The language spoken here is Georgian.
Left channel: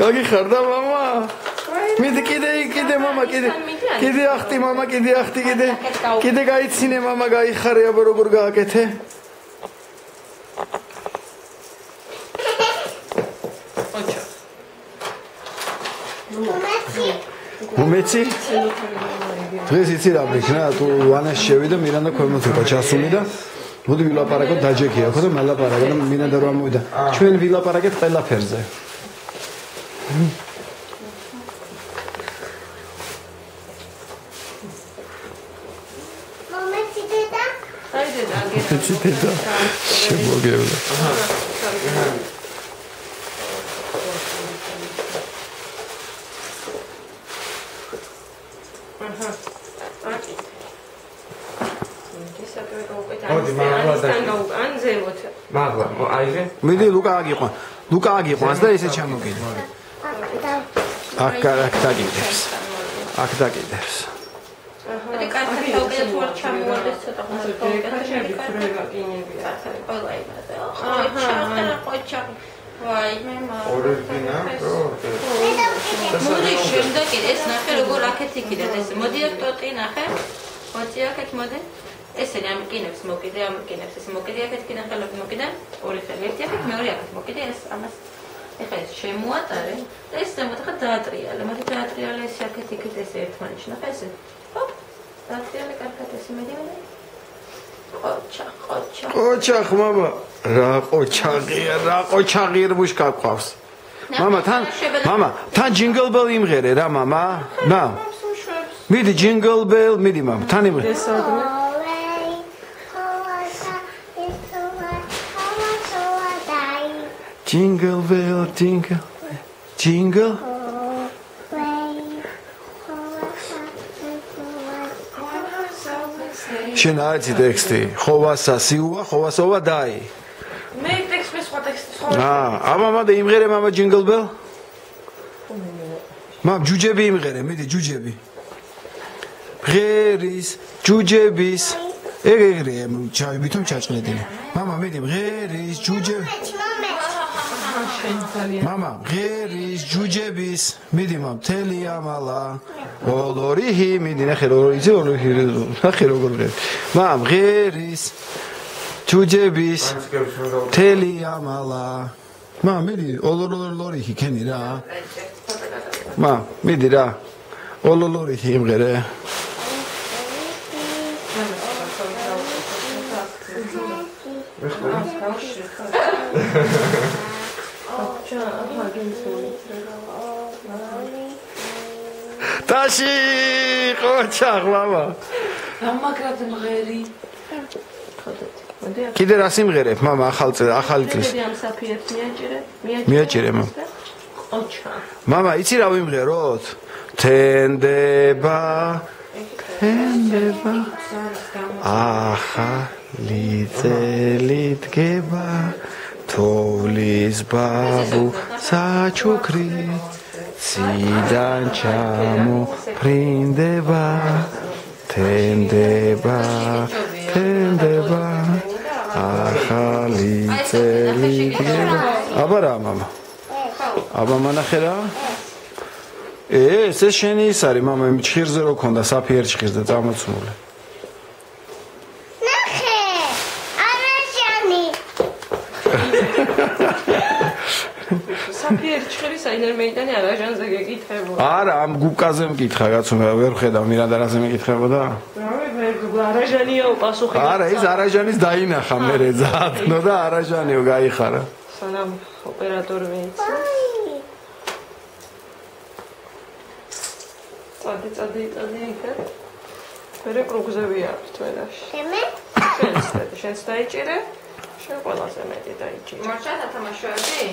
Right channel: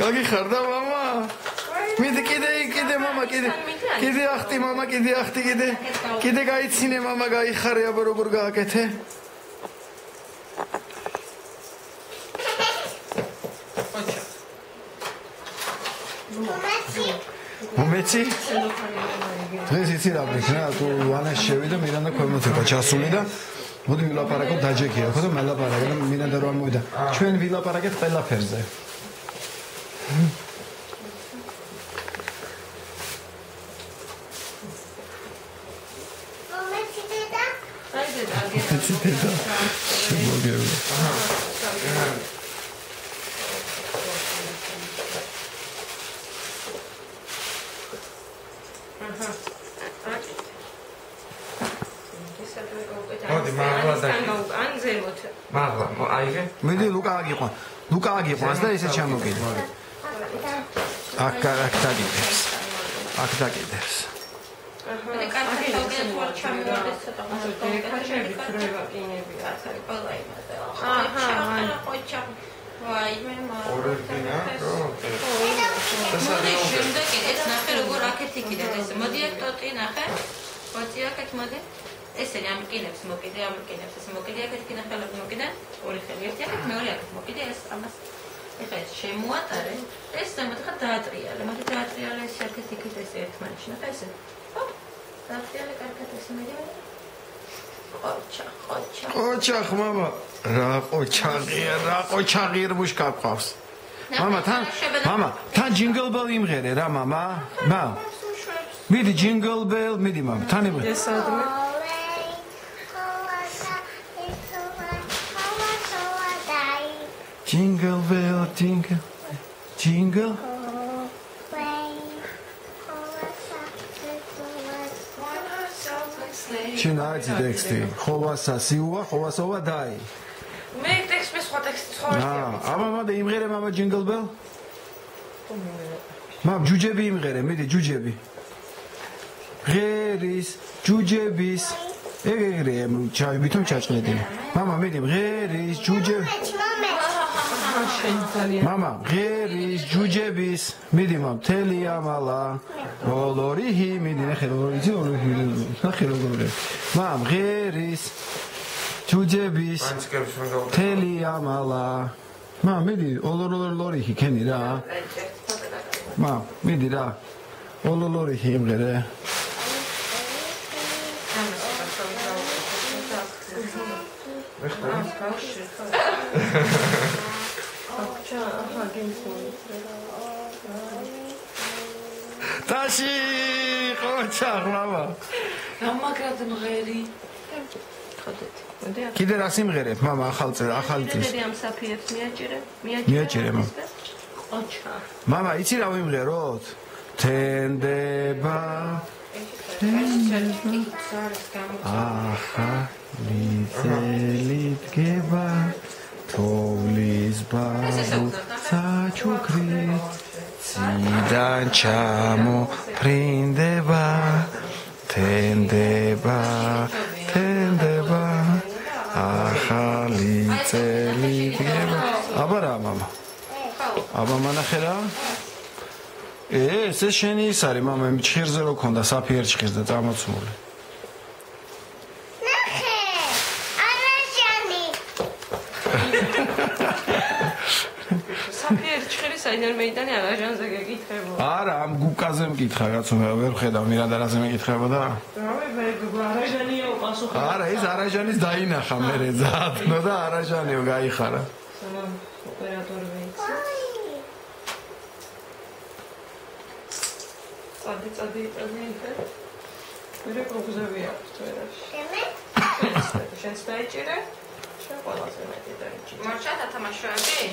გაგიხარდა მამა? მიდი კიდე მამა კიდე ახტი მამა კიდე გაიცინე მამა გაიხარე აბა როგორ გააკეთე? მომეცი? დღეს იცი რა ვიქნა თუ ვანაში შევიდა მირანდა ქვემოთ იყო ჩასული და მოდი ვილაპარაკოთ დაჯექია ხო და მელაპარაკე და მირანდა რომ ამოვიდა ჩვენ ვილაპარაკეთ ყველაფერზე მომეცი დედა შემოგეულა მიდი ლუკა აგიყვანს და ესე ჩამოგიდე აქ დაგიდებს მე კარგად გავუკეთე თუ არ ჩამოვარდეს ცოტა ხანს გავუკეთე ფრევა კინებია ყველა იმაზე ხოჩა ვაი მე მოდი შემდეგ ეს ნახე როგორ აქეთ იქიდან ეს მოდი აქ ტოტი ნახე მოდი აქეთ მოდი ესე ამკინებს მოკიდე ეს მოკიდე აქეთ კიდე ხელები მოკიდე ორი ხელი ერთი აქეთ მეორე აქეთ მოკიდე ეს ამას ეხლა ეს შემოატარე და ეს ზემოთ ხა დაატრიალე მოდი დაატრიალე ეს აქეთ იქით ეს ერთმანეთში ნახე ესე ჰოპ დაატრიალე კარგად ესე მედი ყოჩა მამა რა ყოჩაღია მუშკა ყავს მამა თან ჯინგლ ბელ იმღერე რა მამა მიდი ჯინგლ ბელ მიდი მამა თან იმღერე Jingle bell, jingle. შენ აიცი ტექსტი, ხოვასა სიუვა, ხოვასოვა დაი. მე ტექსტი სხვა ტექსტი სხვა. მამა და იმღერე მამა jingle bell. მამ ჯუჯები იმღერე, მიდი ჯუჯები. ღერის, ჯუჯების. ეგრე ვითომ ჩაჭყნედი. მამა მიდი ღერის, ჯუჯების. მამა ღერის ჯუჯების მიდი მამ თელი ამალა ოლორიჰი მიდი ნახე როგორ მამ ღერის ჯუჯების თელი ამალა მამ მიდი ოლორიჰი ქენი რა მამ მიდი რა ოლორიჰი იმღერე Tashi, ყოჩაღ მამა. გამაგრად მღერი. კიდე რა სიმღერებ მამა ახალი წლის. მე ამ საფიერს მიაჭირე მამა. ყოჩა. მამა იცი რა ვიმღეროთ? თენდება. ახალი წელი დგება. თოვლის ბაბუ საჩუქრით ციდან ჩამოფრინდება თენდება ახალი წელი დგება აბა რა მამა აბა მანახე რა ეს შენი ის არის მამა იმ ჭირზე რო ქონდა საფიერ ჭირს და წამოცმული საფიერ ჭირის აინერ მეიტანი არაჟანზე გეკითხებოდა. არა, ამ გუკაზე მკითხა, კაცო, ვერ ხედავ მირანდა რაზე მეკითხებოდა. მე არაჟანიაო პასუხი. არა, ის არაჟანის დაინახა მერე ზადნო და არაჟანიო გაიხარა. სანამ ოპერატორი მეიცი. წადი იქ. მერე კრუგზები აქვს თვენაში. შენს დაიჭირე. შენ ყველაზე მეტი დაიჭირე. მორჩა თამაშოები?